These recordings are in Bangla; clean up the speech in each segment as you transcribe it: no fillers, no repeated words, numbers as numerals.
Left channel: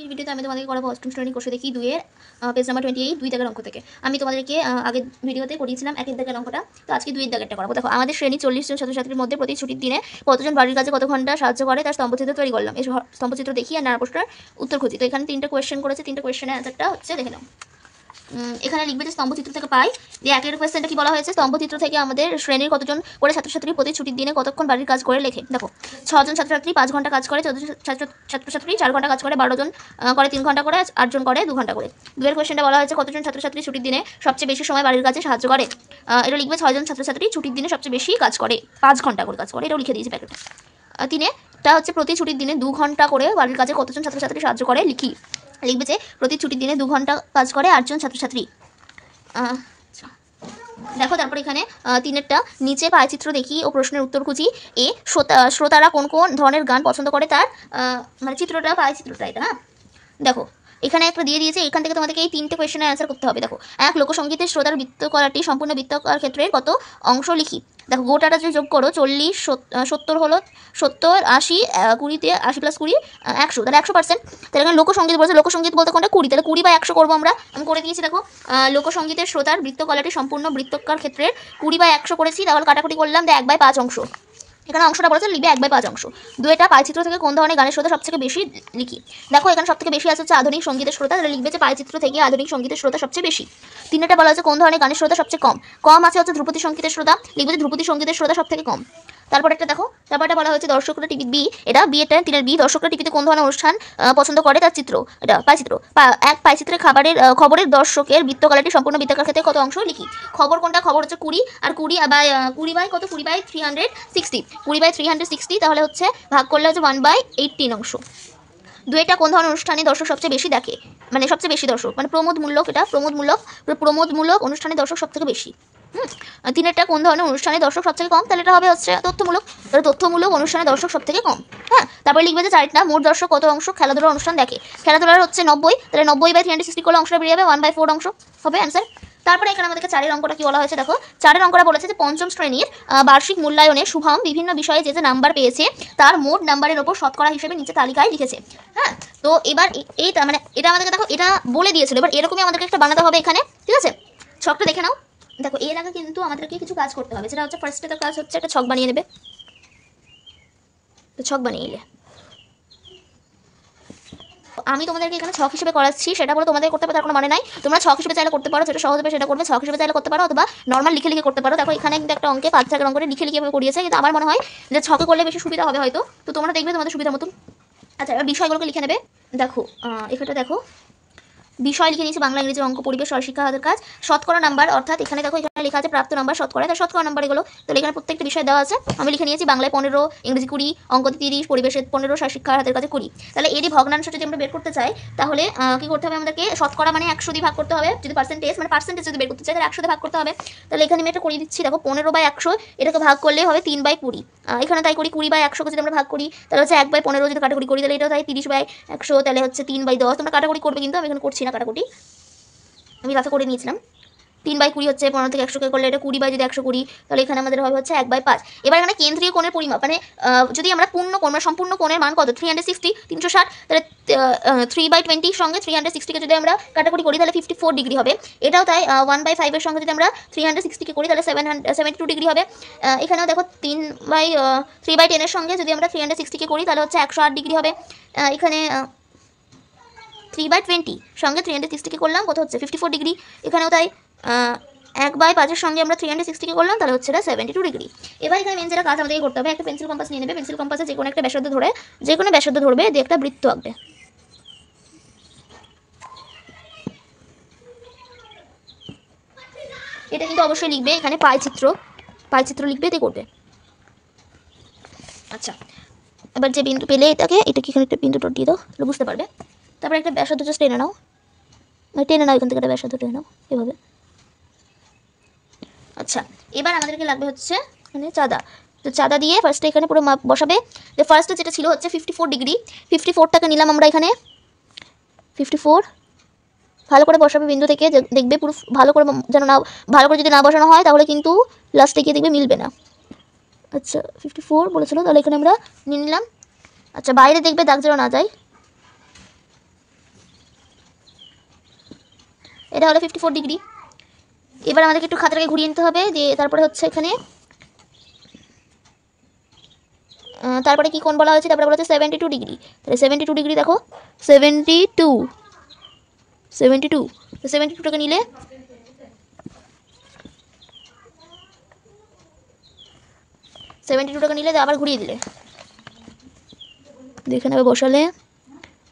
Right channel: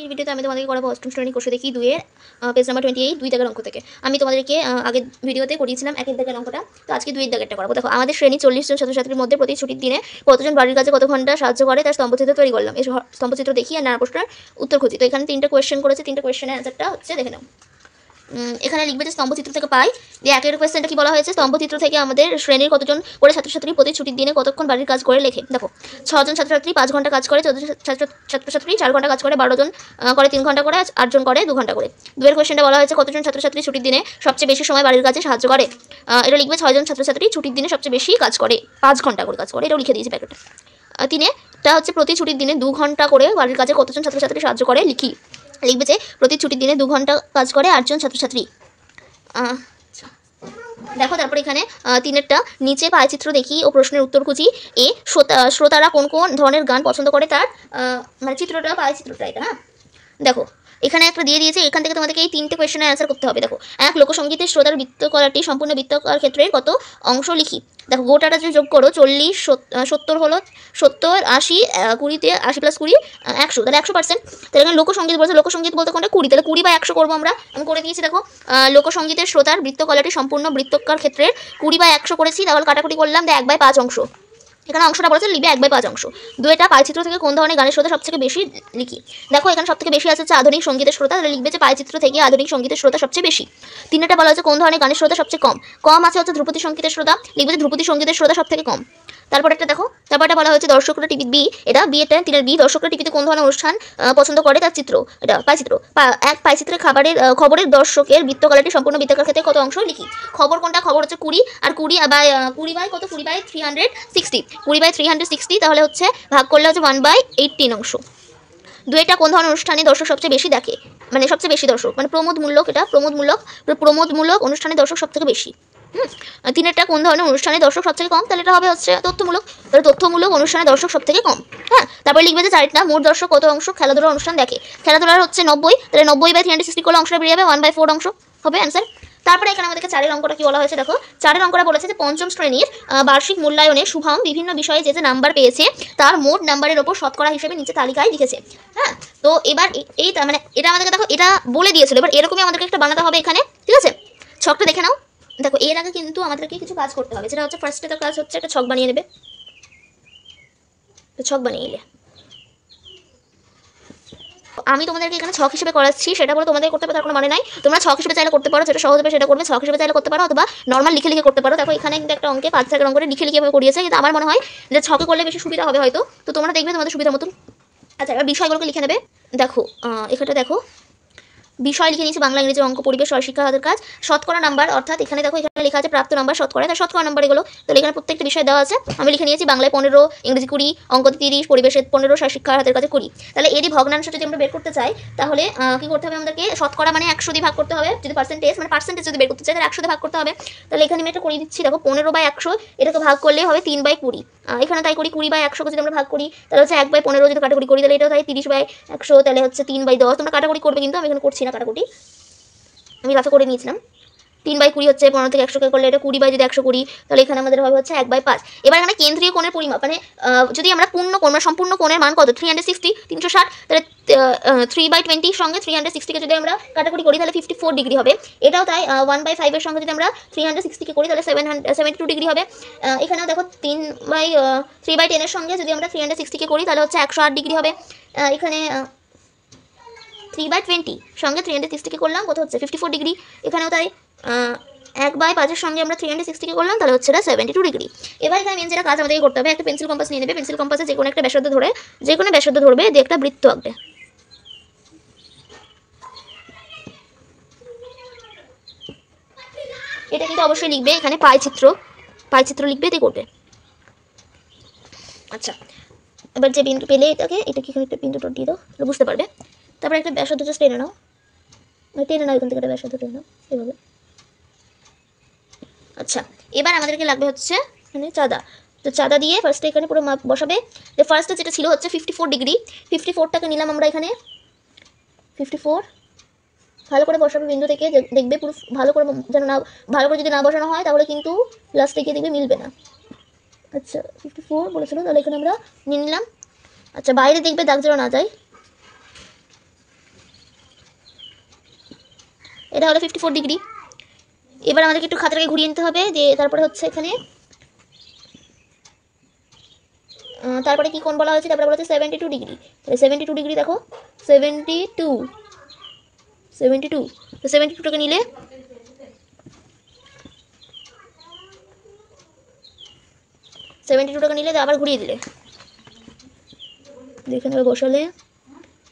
এই ভিডিওতে আমি তোমাদেরকে করাবো অষ্টম শ্রেণী কোষে দেখি 2 এর পেজ নাম্বার 28 2 দাগের অঙ্ক থেকে। আমি তোমাদেরকে আগের ভিডিওতে করিয়েছিলাম 1 দাগের অঙ্কটা, তো আজকে 2 দাগেরটা করাবো। দেখো, আমাদের শ্রেণী 40 জন ছাত্রছাত্রীর মধ্যে প্রতি ছুটির দিনে কতজন বাড়ির কাজে কত ঘন্টা সাহায্য করে তার স্তম্ভচিত্র তৈরি করলাম। এই স্তম্ভচিত্র দেখি আর নানা প্রশ্নের উত্তর খুঁজি। তো এখানে 3টা কোয়েশ্চেন করেছে, 3টা কোয়েশ্চেনের অ্যান্সারটা হচ্ছে দেখে নাও। এখানে লিখবে যে স্তম্ভচিত্র থেকে পাই যে একের কোয়েশ্চেনটা কি বলা হয়েছে, স্তম্ভচিত্র থেকে আমাদের শ্রেণীর কতজন করে ছাত্রছাত্রী প্রতি ছুটির দিনে কতক্ষণ বাড়ির কাজ করে লেখে। দেখো, 6 জন ছাত্রছাত্রী 5 ঘন্টা কাজ করে, 14 ছাত্রছাত্রী 4 ঘন্টা কাজ করে, 12 জন করে 3 ঘন্টা করে, 8 জন করে 2 ঘন্টা করে। দুয়ের কোয়েশ্চেনটা বলা হয়েছে কতজন ছাত্রছাত্রী ছুটির দিনে সবচেয়ে বেশি সময় বাড়ির কাজে সাহায্য করে। এটা লিখবে 6 জন ছাত্রছাত্রী ছুটির দিনে সবচেয়ে বেশি কাজ করে, 5 ঘন্টা করে কাজ করে, এটাও লিখে দিয়েছি প্যাকেটে। 3টা হচ্ছে প্রতি ছুটির দিনে 2 ঘন্টা করে বাড়ির কাজে কতজন ছাত্রছাত্রী সাহায্য করে লিখবে যে প্রতি ছুটির দিনে 2 ঘন্টা কাজ করে 8 জন ছাত্রছাত্রী। দেখো, তারপর এখানে 3এরটা নিচে পায়চিত্র দেখি ও প্রশ্নের উত্তর খুঁজি। শ্রোতারা কোন কোন ধরনের গান পছন্দ করে তার মানে চিত্রটা পায়চিত্রটা এটা। হ্যাঁ, দেখো এখানে একটা দিয়ে দিয়েছে, এখান থেকে তোমাদেরকে এই 3টে কোয়েশ্চেনের অ্যান্সার করতে হবে। দেখো, এক লোকসঙ্গীতের শ্রোতার বৃত্তকলাটি সম্পূর্ণ বৃত্তাকার ক্ষেত্রে কত অংশ লিখি। দেখো, গোটাটা যদি যোগ করো 40 70 হলো 70 80 20তে 80 + 20 100, তাহলে 100%। তাহলে এখানে লোকসঙ্গীত বলছে, লোকসঙ্গীত বলতে কোনটা 20, তাহলে 20 বা 100 করবো আমরা। আমি করে দিয়েছি। দেখো, লোকসঙ্গীতের শ্রোতার বৃত্তকলাটি সম্পূর্ণ বৃত্তাকার ক্ষেত্রে 20 বা 100 করেছি, তাহলে কাটাকুটি করলাম 1/5 অংশ। এখানে অংশটা বলেছে লিখবে 1/5 অংশ। 2টা পায়চিত্র থেকে কোন ধরনের গানের শ্রোতা সবথেকে বেশি লিখি। দেখো, এখানে সবথেকে বেশি আছে হচ্ছে আধুনিক সঙ্গীতের শ্রোতা, তাহলে লিখবে যে পায়চিত্র থেকে আধুনিক সঙ্গীতের শ্রোতা সবচেয়ে বেশি। 3টা বলা হচ্ছে কোন ধরনের গানের শ্রোতা সবচেয়ে কম আছে হচ্ছে ধ্রুপদী সঙ্গীতের শ্রোতা, লিখবে যে ধ্রুপদী সঙ্গীতের শ্রোতা সবথেকে কম। তারপর একটা দেখো, তারপরটা বলা হয়েছে দর্শকরা টিভি বি, এটা বি, এটা 3এর বি, দর্শকরা টিভিতে কোন ধরনের অনুষ্ঠান পছন্দ করে তার চিত্র, এটা পায়চিত্র। এক পায়চিত্রের খবরের দর্শকের বৃত্তকলাটি সম্পূর্ণ বৃত্তাকার ক্ষেত্রে কত অংশ লিখি। খবর কোনটা, খবর হচ্ছে 20, আর 20 বাই কত 20/360, 20/360, তাহলে হচ্ছে ভাগ করলে হচ্ছে 1/18 অংশ। 2টা কোন ধরনের অনুষ্ঠানে দর্শক সবচেয়ে বেশি দেখে, মানে সবচেয়ে বেশি দর্শক মানে প্রমোদমূলক, এটা প্রমোদমূলক অনুষ্ঠানে দর্শক সবথেকে বেশি। 3এরটা কোন ধরনের অনুষ্ঠানে দর্শক সবথেকে কম, তাহলে এটা হবে হচ্ছে তথ্যমূলক, তাহলে তথ্যমূলক অনুষ্ঠানে দর্শক সবথেকে কম। হ্যাঁ, তারপরে লিখবে যে 4টা মোট দর্শক কত অংশ খেলাধুলার অনুষ্ঠান দেখে। খেলাধুলার হচ্ছে 90, তাহলে 90/360 করলে অংশটা বেরিয়ে যাবে 1/4 অংশ হবে অ্যান্সার। তারপরে এখানে আমাদেরকে 4এর অঙ্কটা কি বলা হয়েছে, দেখো 4এর অঙ্কটা বলেছে যে পঞ্চম শ্রেণীর বার্ষিক মূল্যায়নে শুভম বিভিন্ন বিষয়ে যে নাম্বার পেয়েছে তার মোট নাম্বারের ওপর শতকরা হিসেবে নিচে তালিকায় লিখেছে। হ্যাঁ, তো এবার এই মানে এটা আমাদেরকে দেখো এটা বলে দিয়েছিল, এবার এরকমই আমাদেরকে একটা বানাতে হবে এখানে, ঠিক আছে। ছকটা দেখে নাও। দেখো, এর আগে কিন্তু আমাদেরকে কিছু কাজ করতে হবে, যেটা হচ্ছে ফার্স্টে তার কাজ হচ্ছে একটা ছক বানিয়ে নেবে। তো ছক বানিয়ে নিলে আমি তোমাদেরকে এখানে ছক হিসেবে করাচ্ছি, সেটা বলে তোমাদের করতে হবে তার কোনো মানে নাই। তোমরা ছক হিসেবে চাইলে করতে পারো, যেটা সহজ হবে সেটা করবে। ছক হিসেবে চাইলে করতে পারো, অথবা নর্মাল লিখে করতে পারো। দেখো, এখানে কিন্তু একটা অঙ্কে 5 দাগের অঙ্কটা লিখে এভাবে করিয়েছে, কিন্তু আমার মনে হয় যে ছকে করলে বেশি সুবিধা হবে হয়তো, তো তোমরা দেখবে তোমাদের সুবিধা মতন। আচ্ছা, এবার বিষয়গুলোকে লিখে নেবে। দেখো, এখানটা দেখো বিষয় লিখে নিয়েছি বাংলা, ইংরেজি, অঙ্ক, পরিবেশ, শিক্ষা হাতের কাজ। শতকরা নাম্বার, অর্থাৎ এখানে দেখো এখানে লেখা আছে প্রাপ্ত নাম্বার শতকরা, তার শতকরা নাম্বার এগুলো। তো এখানে প্রত্যেকটা বিষয় দেওয়া আছে। আমি লিখে নিয়েছি বাংলায় 15, ইংরেজি 20, অঙ্কতে 30, পরিবেশে 15, শিক্ষা হাতের কাজে 20। তাহলে এরই ভগ্নাংশ যদি আমরা বের করতে চাই, তাহলে কি করতে হবে আমাদেরকে, শতকরা মানে 100 দিয়ে ভাগ করতে হবে। যদি পার্সেন্টেজ যদি বের করতে চাই তাহলে 100 দিয়ে ভাগ করতে হবে। তাহলে এখানে আমি এটা করিয়ে দিচ্ছি। দেখো, 15/100 এটাকে ভাগ করলেই হবে 3/20। এখানে তাই করি 20/100 যদি আমরা ভাগ করি তাহলে হচ্ছে 1/15 যদি কাটাকুটি করি তাহলে এটাও তাই 30/100, তাহলে হচ্ছে 3/10। তোমরা কাটাকুটি করবে, কিন্তু আমি এখানে করছি না কাটাকুটি, আমি রাফে করে নিয়েছিলাম। 3/20 হচ্ছে 15 থেকে 100 করলে এটা 20 যদি 100 করি তাহলে এখানে আমাদের হবে হচ্ছে 1/5। এবার এখানে কেন্দ্রীয় কোণের পরিমাপ মানে যদি আমরা পূর্ণ কোণ মানে সম্পূর্ণ কোণের মান কত 360, 360, তাহলে 3/20 সঙ্গে 360কে যদি আমরা কাটাকুটি করি তাহলে 54 ডিগ্রি হবে। এটাও তাই 1/5 এর সঙ্গে যদি আমরা 360কে করি তাহলে 72 ডিগ্রি হবে। এখানেও দেখো 3/10 এর সঙ্গে যদি আমরা 360কে করি তাহলে হচ্ছে 108 ডিগ্রি হবে। এখানে 3/20 সঙ্গে 360কে করলাম কত হচ্ছে 54 ডিগ্রি। এখানেও তাই 1/5 এর সঙ্গে আমরা 360কে করলাম তাহলে হচ্ছে এটা 72 ডিগ্রি। এবার এখানে মেন যেটা কাজ আমাদেরকে করতে হবে, একটা পেন্সিল কম্পাস নিয়ে নেবে। পেন্সিল কম্পাসে যে কোনো একটা ব্যাসার্ধ ধরবে দিয়ে একটা বৃত্ত আঁকবে। এটা কিন্তু অবশ্যই লিখবে এখানে পায়চিত্র লিখবে, দিয়ে করবে। আচ্ছা, এবার যে বিন্দু পেলে এটা কি এখানে একটা বিন্দু দিয়ে দাও, বুঝতে পারবে। তারপরে একটা ব্যাসার্ধ জাস্ট টেনে নাও, এখান থেকে একটা ব্যাসার্ধ টেনে নাও এভাবে। আচ্ছা, এবার আমাদেরকে লাগবে হচ্ছে এখানে চাঁদা। তো চাঁদা দিয়ে ফার্স্টে এখানে পুরো মাপ বসাবে। যে ফার্স্টে যেটা ছিল হচ্ছে 54 ডিগ্রি, 54টাকে নিলাম আমরা এখানে 54। ভালো করে বসাবে বিন্দু থেকে, দেখবে পুরো ভালো করে যেন না, ভালো করে যদি না বসানো হয় তাহলে কিন্তু লাস্টে গিয়ে দেখবে মিলবে না। আচ্ছা, 54 বলেছিল, তাহলে এখানে আমরা নিয়ে নিলাম। আচ্ছা, বাইরে দেখবে দাগ যেন না যায়। এটা হলো 54 ডিগ্রি। এবার আমাদেরকে একটু খাতাটাকে ঘুরিয়ে নিতে হবে, যে তারপরে হচ্ছে এখানে তারপরে কি কোণ বলা হয়েছে, তারপরে বলা হচ্ছে 72 ডিগ্রি। তাহলে 72 ডিগ্রি দেখো, 72 তো 72টাকে নিলে আবার ঘুরিয়ে দিলে, এখানে আবার বসালে,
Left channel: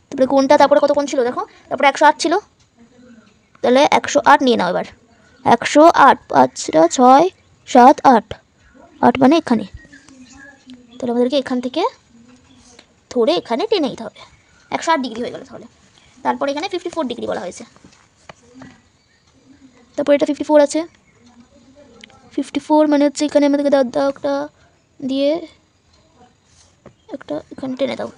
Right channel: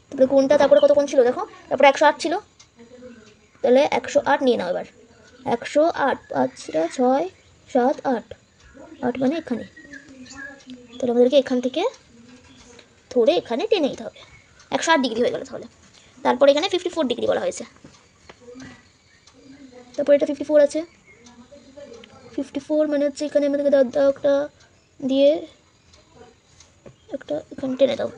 তারপরে কোণটা তারপরে কত কোণ ছিল দেখো, তারপরে 108 ছিল, তাহলে 108 নিয়ে নাও এবার। 108, 5 6 7 8, 8 মানে এখানে, তাহলে আমাদেরকে এখান থেকে ধরে এখানে টেনে নিতে হবে। 108 ডিগ্রি হয়ে গেল তাহলে। তারপরে এখানে 54 ডিগ্রি বলা হয়েছে, তারপরে এটা 54 আছে। 54 মানে হচ্ছে এখানে আমাদেরকে দাগটা দিয়ে একটা এখানে টেনে দাও।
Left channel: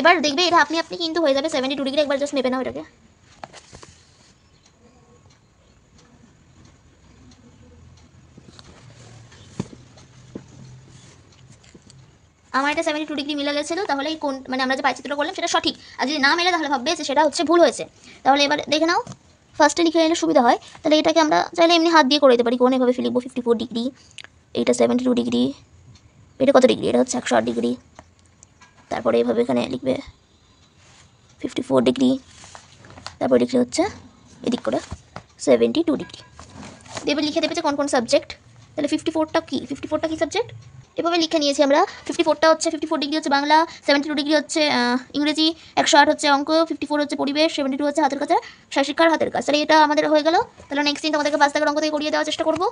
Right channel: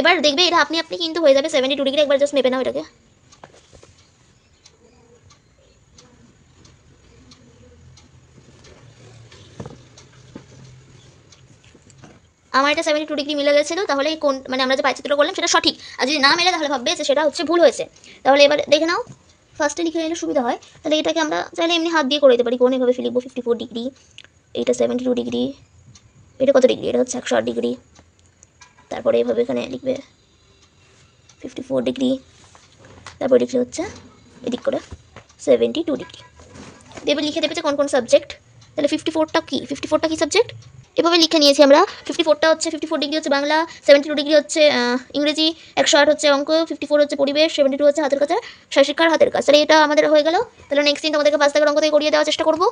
এবার দেখবে এটা আপনি কিন্তু হয়ে যাবে 72 ডিগ্রি। একবার জাস্ট মেপে নাও এটাকে। আমার এটা 72 ডিগ্রি মিলে গেছিলো, তাহলে কোন মানে আমরা যে পাইচিত্রটা করলাম সেটা সঠিক। আর যদি না মেলে তাহলে ভাববে যে সেটা হচ্ছে ভুল হয়েছে। তাহলে এবার দেখে নাও, ফার্স্টে লিখে নিলে সুবিধা হয়। তাহলে এটাকে আমরা চাইলে এমনি হাত দিয়ে করে দিতে পারি, কোন এভাবে লিখবো 54 ডিগ্রি, এইটা 72 ডিগ্রি, এটা কত ডিগ্রি, এটা হচ্ছে 108 ডিগ্রি। তারপরে এইভাবে এখানে লিখবে 54 ডিগ্রি, তারপরে লিখলে হচ্ছে এদিক করে 72 ডিগ্রি দেবে, লিখে দেবে যে কোন কোন সাবজেক্ট। তাহলে 54টা কি সাবজেক্ট, এভাবে লিখে নিয়েছি আমরা। 54টা হচ্ছে 54 ডিগ্রি হচ্ছে বাংলা, 72 ডিগ্রি হচ্ছে ইংরেজি, 108 হচ্ছে অঙ্ক, 54 হচ্ছে পরিবেশ, 72 হচ্ছে হাতের কাছে, শিক্ষার হাতের কাজ। তাহলে এটা আমাদের হয়ে গেল। তাহলে নেক্সট দিন তোমাদেরকে 5 দাগের অঙ্ক থেকে করিয়ে দেওয়ার চেষ্টা করবো।